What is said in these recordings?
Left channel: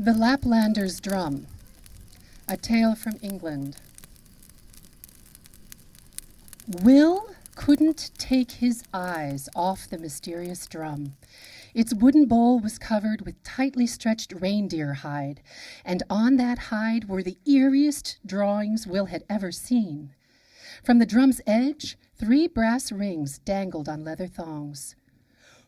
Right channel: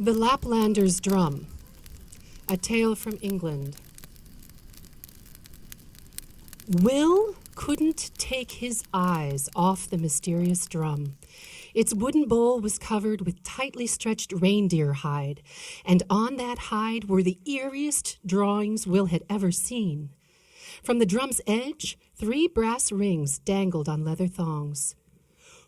The Laplander's Drum, a tale from England. Will couldn't take his eyes off the mysterious drum. Its wooden bowl was covered with tightly stretched reindeer hide, and on that hide were the eeriest drawings Will had ever seen. From the drum's edge, 3 brass rings dangled on leather thongs.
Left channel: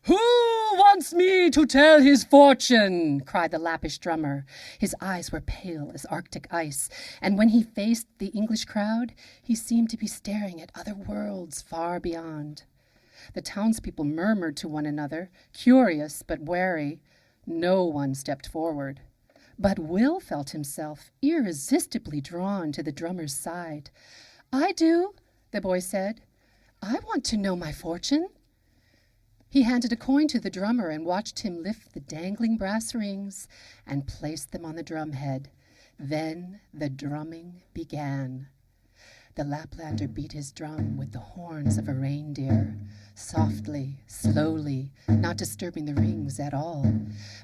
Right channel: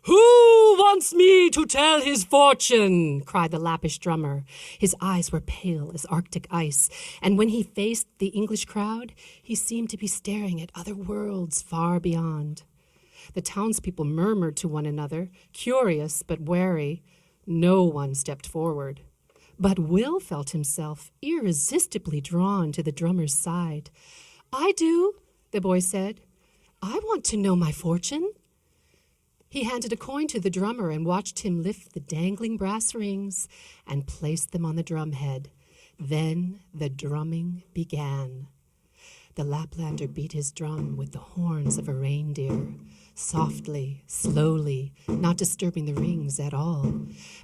"Who wants me to tell his fortune?" cried the Lappish drummer. His eyes were pale as Arctic ice, and when he faced the English crowd, he seemed to be staring at other worlds far beyond. The townspeople murmured to one another, curious but wary. No one stepped forward. But Will felt himself irresistibly drawn to the drummer's side. "I do," the boy said. "I want to know my fortune." He handed a coin to the drummer and watched him lift the dangling brass rings and place them on the drumhead. Then the drumming began. The Laplander beat his drum with the horns of a reindeer, softly, slowly, not disturbing the rings at all.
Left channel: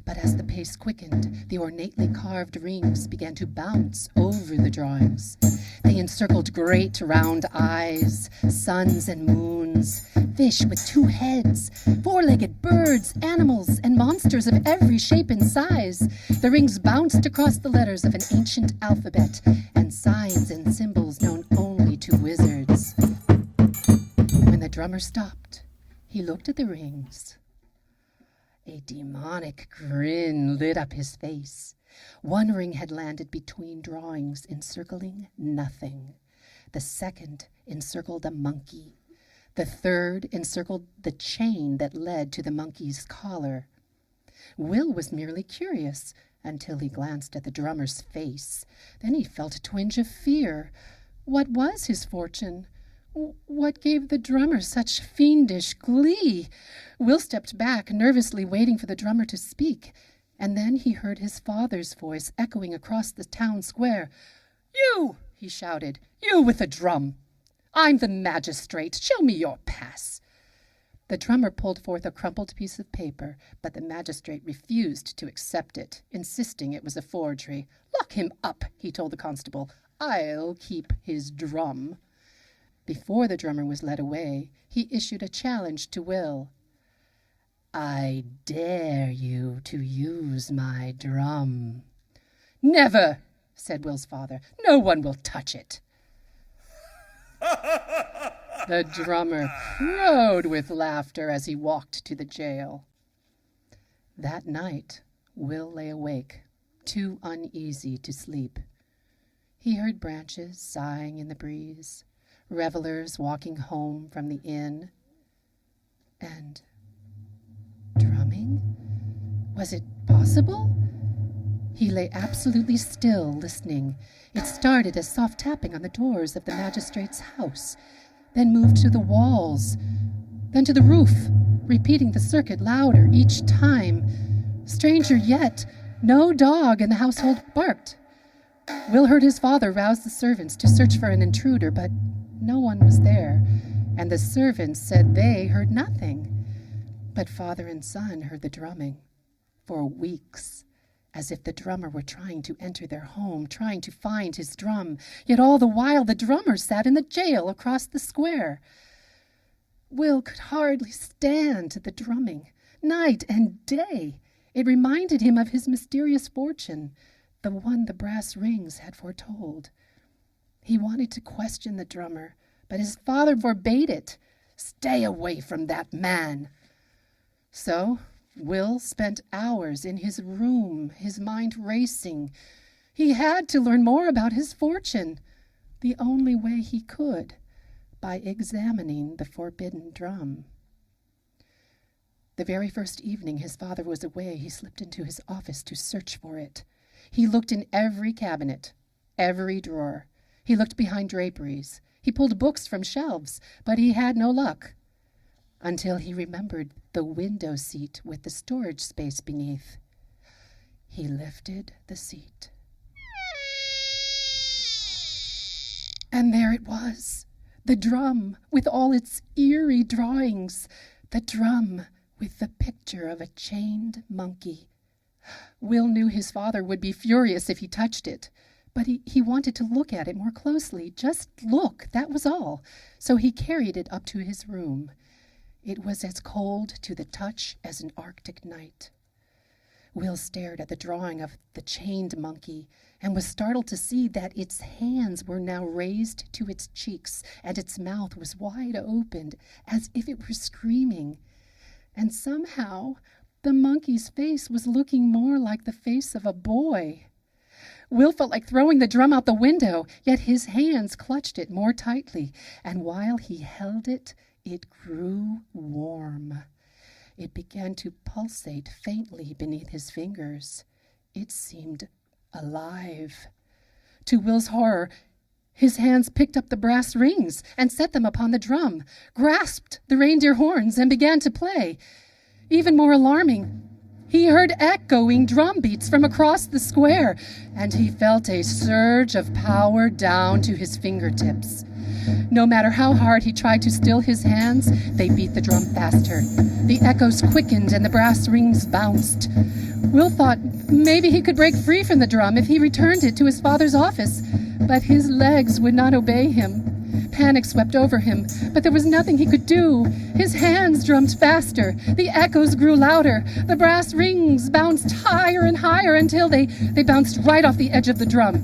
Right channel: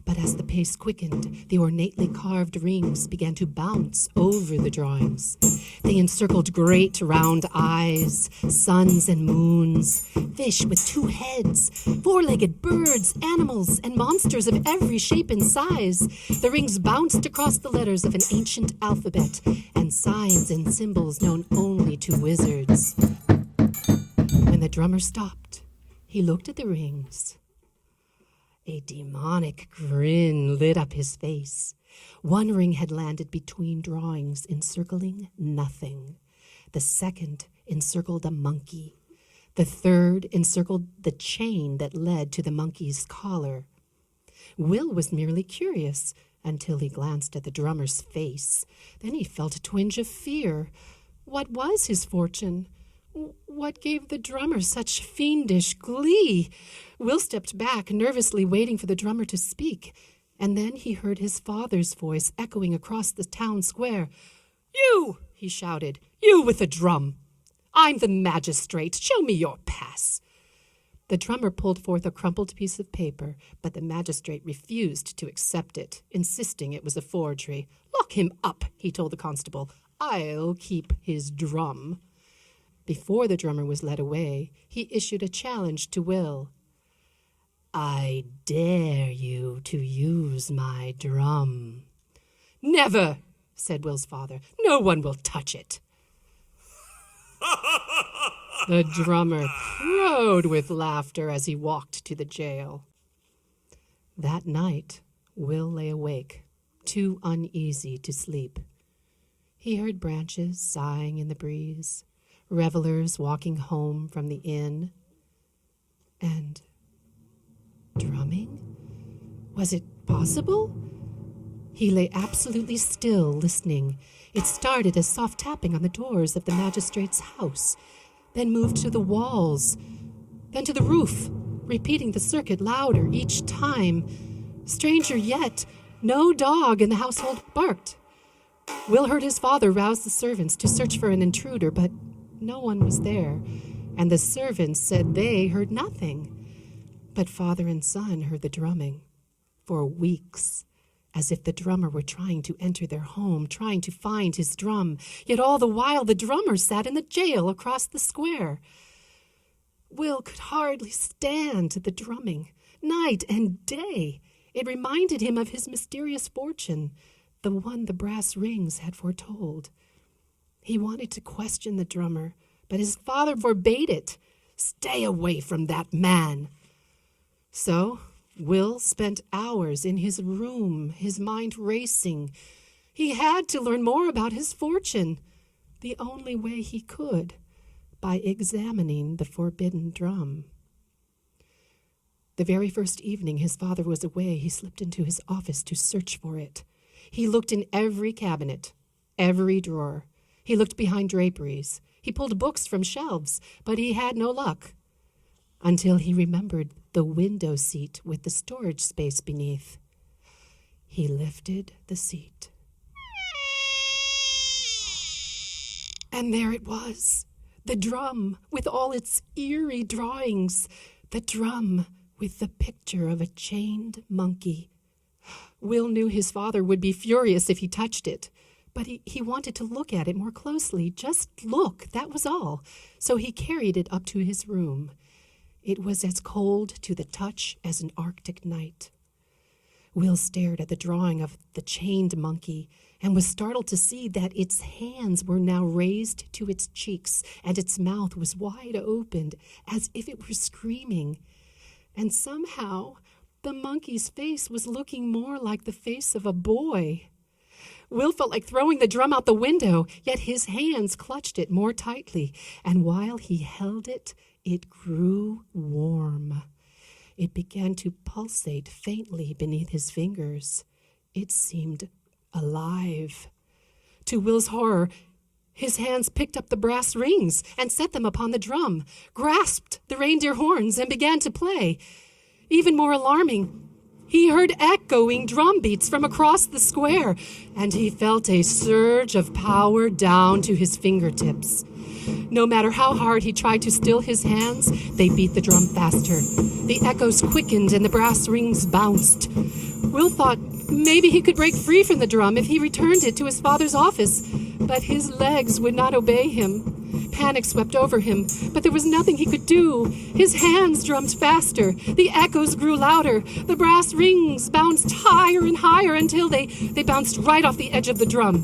But as the pace quickened, the ornately carved rings began to bounce over the drawings. They encircled great round eyes, suns and moons, fish with 2 heads, 4-legged birds, animals, and monsters of every shape and size. The rings bounced across the letters of an ancient alphabet and signs and symbols known only to wizards. When the drummer stopped, he looked at the rings. A demonic grin lit up his face. 1 ring had landed between drawings, encircling nothing. The 2nd encircled a monkey. The 3rd encircled the chain that led to the monkey's collar. Will was merely curious until he glanced at the drummer's face. Then he felt a twinge of fear. What was his fortune? What gave the drummer such fiendish glee? Will stepped back, nervously waiting for the drummer to speak, and then he heard his father's voice echoing across the town square. "You!" he shouted. "You with the drum! I'm the magistrate. Show me your pass." The drummer pulled forth a crumpled piece of paper, but the magistrate refused to accept it, insisting it was a forgery. "Lock him up," he told the constable. "I'll keep his drum." Before the drummer was led away, he issued a challenge to Will. "I dare you to use my drum." "Never," said Will's father. "No one will touch it." The drummer crowed with laughter as he walked to the jail. That night, Will lay awake, too uneasy to sleep. He heard branches sighing in the breeze, revelers walking home from the inn, and drumming? Was it possible? He lay absolutely still, listening. It started as soft tapping on the doors of the magistrate's house, then moved to the walls, then to the roof, repeating the circuit louder each time. Stranger yet, no dog in the household barked. Will heard his father rouse the servants to search for an intruder, but no one was there, and the servants said they heard nothing. But father and son heard the drumming for weeks, as if the drummer were trying to enter their home, trying to find his drum. Yet all the while the drummer sat in the jail across the square. Will could hardly stand the drumming, night and day. It reminded him of his mysterious fortune, the one the brass rings had foretold. He wanted to question the drummer, but his father forbade it. "Stay away from that man." So Will spent hours in his room, his mind racing. He had to learn more about his fortune, the only way he could, by examining the forbidden drum. The very first evening his father was away, he slipped into his office to search for it. He looked in every cabinet, every drawer. He looked behind draperies. He pulled books from shelves, but he had no luck, until he remembered the window seat with the storage space beneath. He lifted the seat. And there it was, the drum with all its eerie drawings, the drum with the picture of a chained monkey, Will knew his father would be furious if he touched it, but he wanted to look at it more closely. Just look, that was all. So he carried it up to his room. It was as cold to the touch as an Arctic night. Will stared at the drawing of the chained monkey and was startled to see that its hands were now raised to its cheeks and its mouth was wide opened as if it were screaming. And somehow the monkey's face was looking more like the face of a boy. Will felt like throwing the drum out the window, yet his hands clutched it more tightly, and while he held it, it grew warm. It began to pulsate faintly beneath his fingers. It seemed alive. To Will's horror, his hands picked up the brass rings and set them upon the drum, grasped the reindeer horns, and began to play. Even more alarming, he heard echoing drum beats from across the square, and he felt a surge of power down to his fingertips. No matter how hard he tried to still his hands, they beat the drum faster. The echoes quickened and the brass rings bounced. Will thought maybe he could break free from the drum if he returned it to his father's office, but his legs would not obey him. Panic swept over him, but there was nothing he could do. His hands drummed faster. The echoes grew louder. The brass rings bounced higher and higher until they bounced right off the edge of the drum.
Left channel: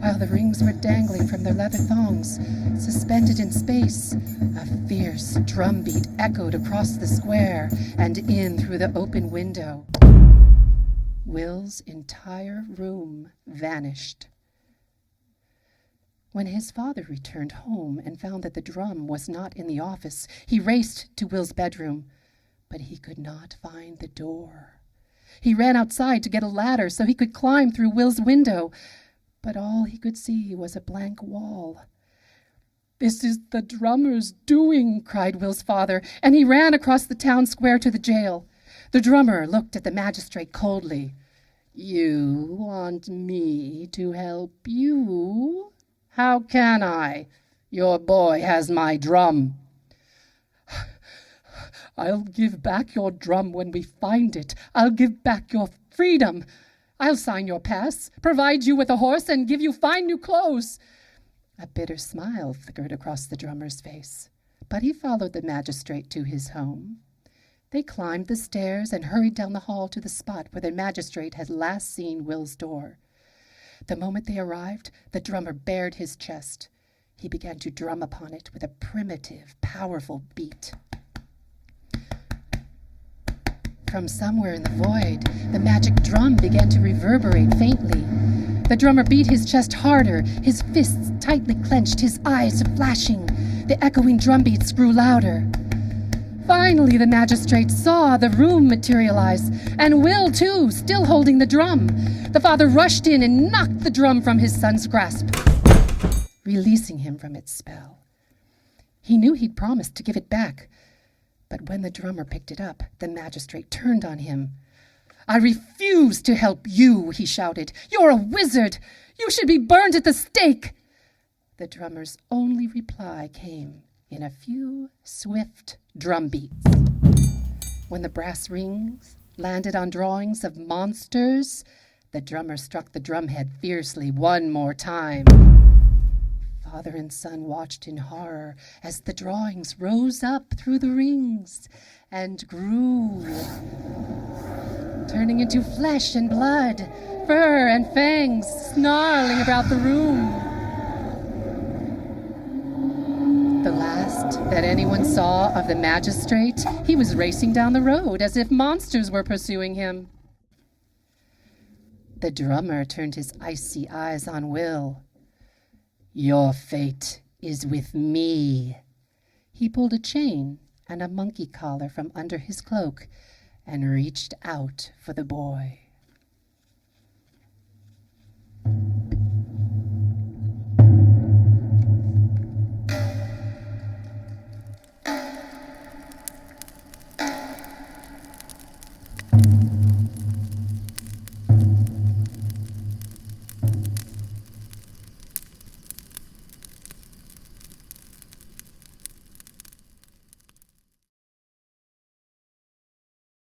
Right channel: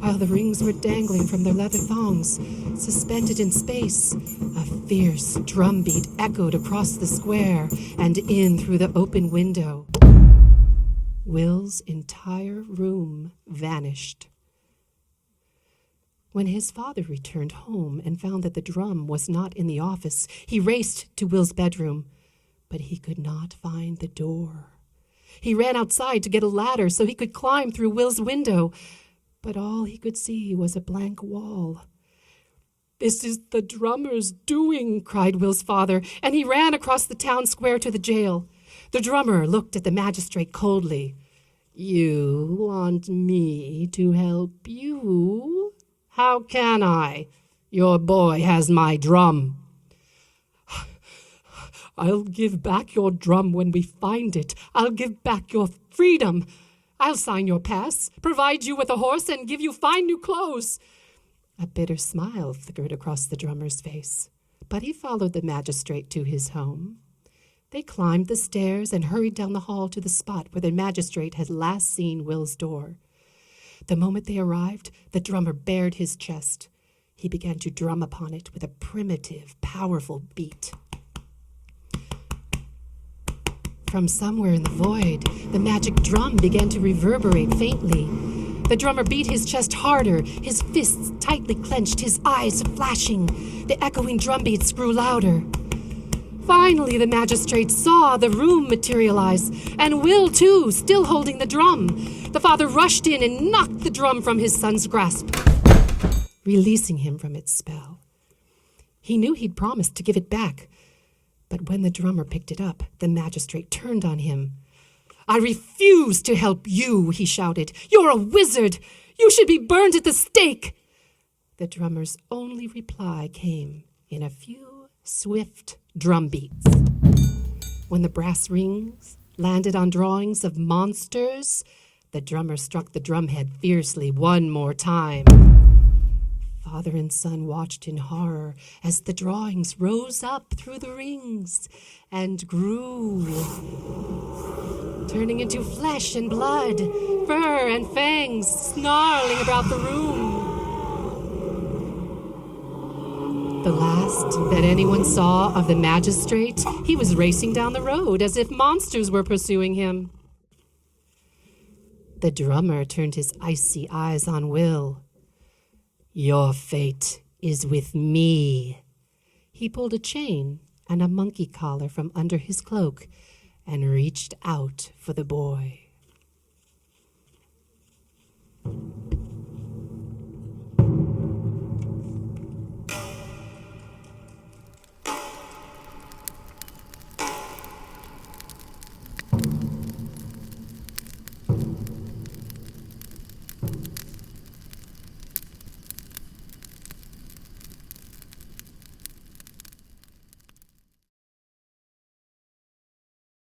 While the rings were dangling from their leather thongs, suspended in space, a fierce drumbeat echoed across the square and in through the open window. Will's entire room vanished. When his father returned home and found that the drum was not in the office, he raced to Will's bedroom, but he could not find the door. He ran outside to get a ladder so he could climb through Will's window, but all he could see was a blank wall. "This is the drummer's doing," cried Will's father, and he ran across the town square to the jail. The drummer looked at the magistrate coldly. "You want me to help you? How can I? Your boy has my drum." "I'll give back your drum when we find it. I'll give back your freedom. I'll sign your pass, provide you with a horse, and give you fine new clothes." A bitter smile flickered across the drummer's face, but he followed the magistrate to his home. They climbed the stairs and hurried down the hall to the spot where the magistrate had last seen Will's door. The moment they arrived, the drummer bared his chest. He began to drum upon it with a primitive, powerful beat. From somewhere in the void, the magic drum began to reverberate faintly. The drummer beat his chest harder, his fists tightly clenched, his eyes flashing. The echoing drum beats grew louder. Finally, the magistrate saw the room materialize, and Will, too, still holding the drum. The father rushed in and knocked the drum from his son's grasp, releasing him from its spell. He knew he'd promised to give it back, but when the drummer picked it up, the magistrate turned on him. "I refuse to help you," he shouted. "You're a wizard. You should be burned at the stake." The drummer's only reply came in a few swift drum beats. When the brass rings landed on drawings of monsters, the drummer struck the drumhead fiercely one more time. Father and son watched in horror as the drawings rose up through the rings and grew, turning into flesh and blood, fur and fangs snarling about the room. The last that anyone saw of the magistrate, he was racing down the road as if monsters were pursuing him. The drummer turned his icy eyes on Will. "Your fate is with me." He pulled a chain and a monkey collar from under his cloak and reached out for the boy.